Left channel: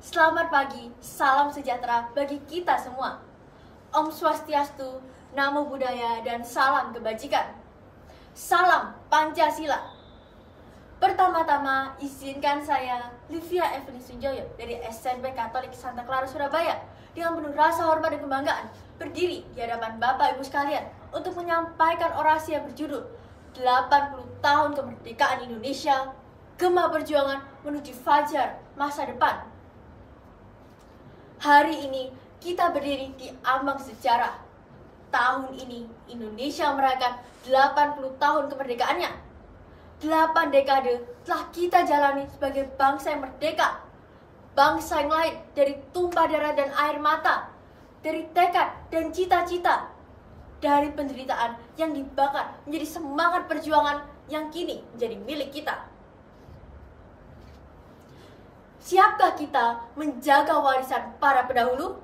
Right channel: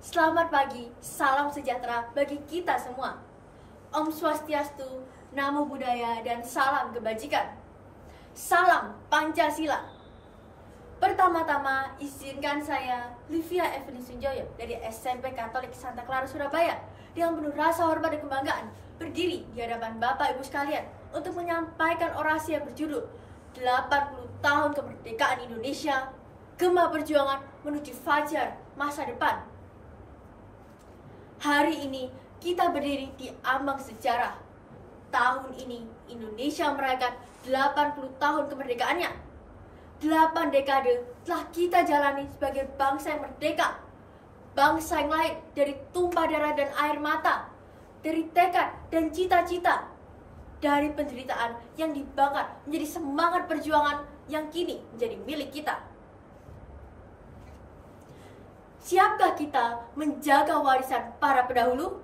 Selamat pagi, salam sejahtera bagi kita semua. Om Swastiastu, Namo Buddhaya, dan salam kebajikan. Salam Pancasila. Pertama-tama, izinkan saya, Livia Evelyn Sunjoyo, dari SMP Katolik Santa Clara, Surabaya, dengan penuh rasa hormat dan kebanggaan, berdiri di hadapan Bapak Ibu sekalian untuk menyampaikan orasi yang berjudul 80 tahun kemerdekaan Indonesia, Gema Perjuangan menuju Fajar Masa Depan. Hari ini kita berdiri di ambang sejarah. Tahun ini Indonesia merayakan 80 tahun kemerdekaannya. 8 dekade telah kita jalani sebagai bangsa yang merdeka. Bangsa yang lahir dari tumpah darah dan air mata, dari tekad dan cita-cita, dari penderitaan yang dibakar menjadi semangat perjuangan yang kini menjadi milik kita. Siapkah kita menjaga warisan para pendahulu?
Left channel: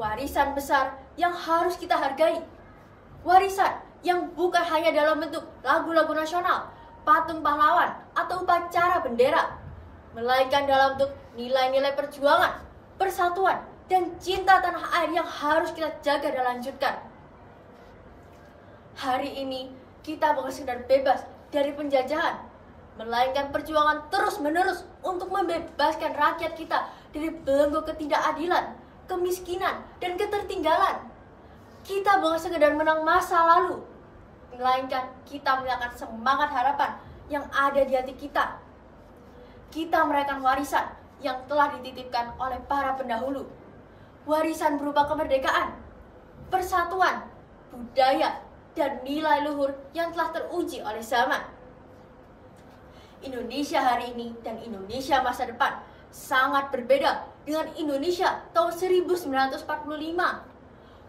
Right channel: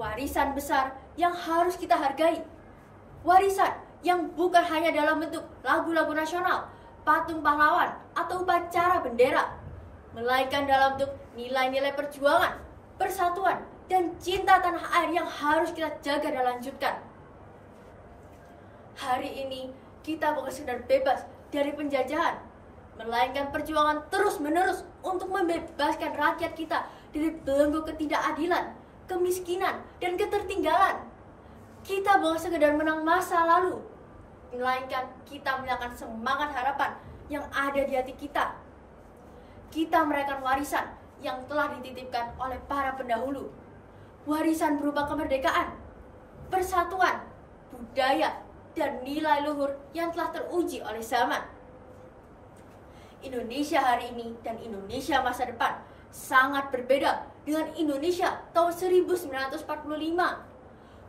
Warisan besar yang harus kita hargai. Warisan yang bukan hanya dalam bentuk lagu-lagu nasional, patung pahlawan, atau upacara bendera, melainkan dalam bentuk nilai-nilai perjuangan, persatuan, dan cinta tanah air yang harus kita jaga dan lanjutkan. Hari ini kita bukan sekedar bebas dari penjajahan, melainkan perjuangan terus-menerus untuk membebaskan rakyat kita dari belenggu ketidakadilan, kemiskinan, dan ketertinggalan. Kita bukan sekedar menang masa lalu, melainkan kita melihatkan semangat harapan yang ada di hati kita. Kita merayakan warisan yang telah dititipkan oleh para pendahulu. Warisan berupa kemerdekaan, persatuan, budaya, dan nilai luhur yang telah teruji oleh zaman. Indonesia hari ini dan Indonesia masa depan sangat berbeda dengan Indonesia tahun 1945.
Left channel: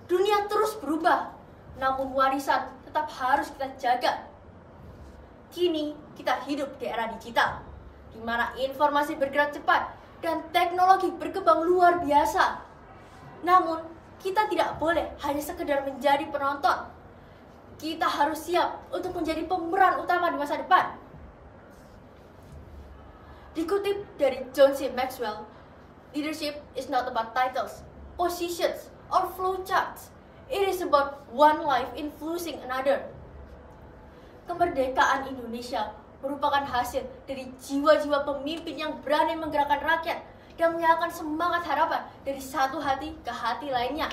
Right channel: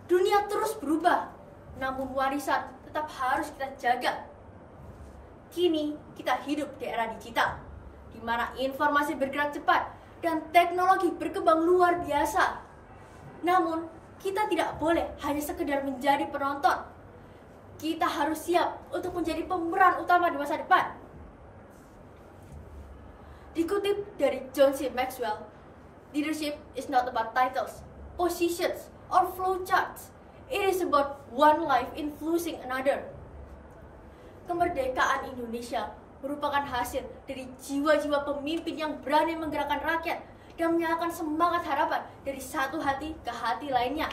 Dunia terus berubah, namun warisan tetap harus kita jaga. Kini kita hidup di era digital, di mana informasi bergerak cepat dan teknologi berkembang luar biasa. Namun, kita tidak boleh hanya sekedar menjadi penonton. Kita harus siap untuk menjadi pemeran utama di masa depan. Dikutip dari John C. Maxwell, leadership is not about titles, positions, or flowcharts. It is about one life influencing another. Kemerdekaan Indonesia merupakan hasil dari jiwa-jiwa pemimpin yang berani menggerakkan rakyat dan menyalakan semangat harapan dari satu hati ke hati lainnya.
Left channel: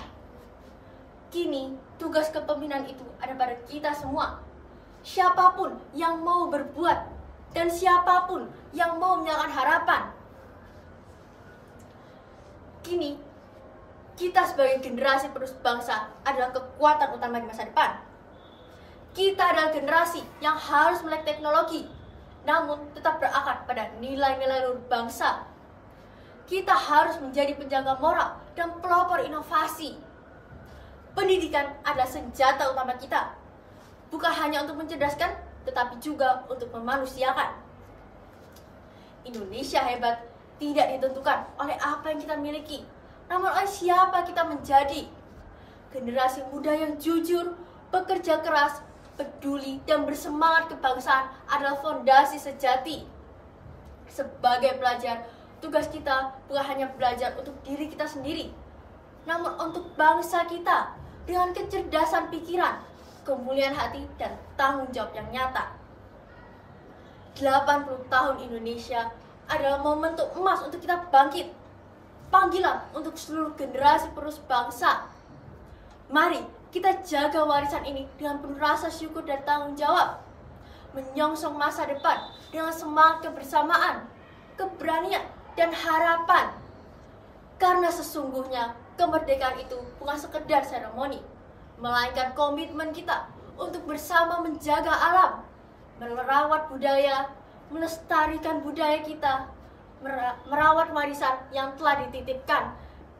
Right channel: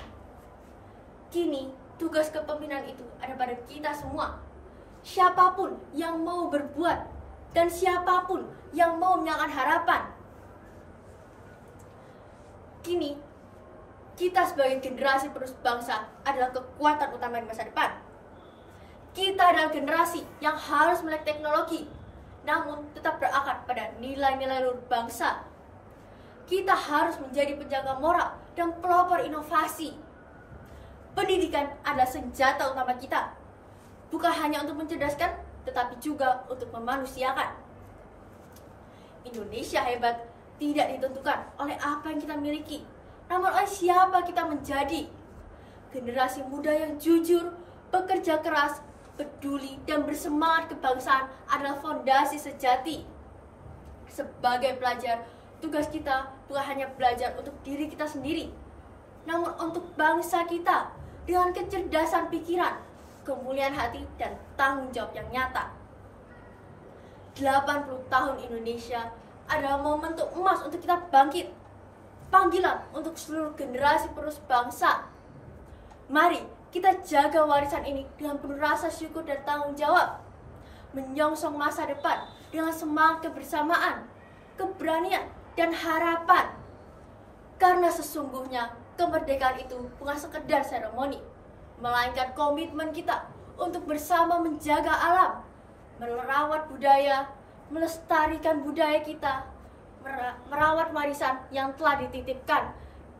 Kini, tugas kepemimpinan itu ada pada kita semua. Siapapun yang mau berbuat dan siapapun yang mau menyalakan harapan. Kini, kita sebagai generasi penerus bangsa adalah kekuatan utama di masa depan. Kita adalah generasi yang harus melek teknologi, namun tetap berakar pada nilai-nilai luhur bangsa. Kita harus menjadi penjaga moral dan pelopor inovasi. Pendidikan adalah senjata utama kita, bukan hanya untuk mencerdaskan, tetapi juga untuk memanusiakan. Indonesia hebat tidak ditentukan oleh apa yang kita miliki, namun oleh siapa kita menjadi. Generasi muda yang jujur, bekerja keras, peduli, dan bersemangat kebangsaan adalah fondasi sejati. Sebagai pelajar, tugas kita bukan hanya belajar untuk diri kita sendiri, namun untuk bangsa kita dengan kecerdasan pikiran, kemuliaan hati, dan tanggung jawab yang nyata. 80 tahun Indonesia adalah momentum emas untuk kita bangkit. Panggilan untuk seluruh generasi penerus bangsa. Mari kita jaga warisan ini dengan penuh rasa syukur dan tanggung jawab. Menyongsong masa depan dengan semangat kebersamaan, keberanian, dan harapan. Karena sesungguhnya kemerdekaan itu bukan sekedar seremoni, melainkan komitmen kita untuk bersama menjaga alam, merawat budaya, melestarikan budaya kita, merawat warisan yang telah dititipkan,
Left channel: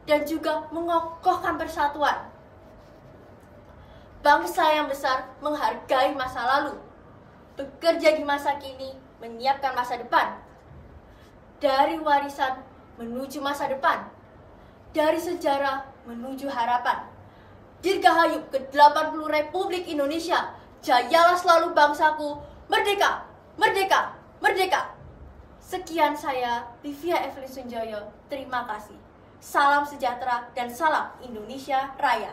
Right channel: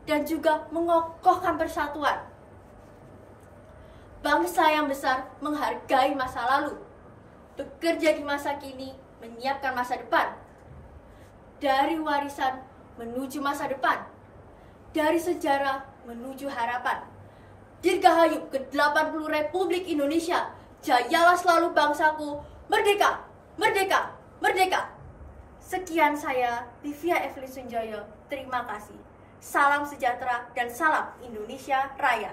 dan juga mengokohkan persatuan. Bangsa yang besar menghargai masa lalu, bekerja di masa kini, menyiapkan masa depan. Dari warisan menuju masa depan, dari sejarah menuju harapan. Dirgahayu ke-80 Republik Indonesia, jayalah selalu bangsaku, merdeka, merdeka, merdeka. Sekian saya, Livia Evelyn Sunjoyo. Terima kasih. Salam sejahtera dan salam Indonesia Raya.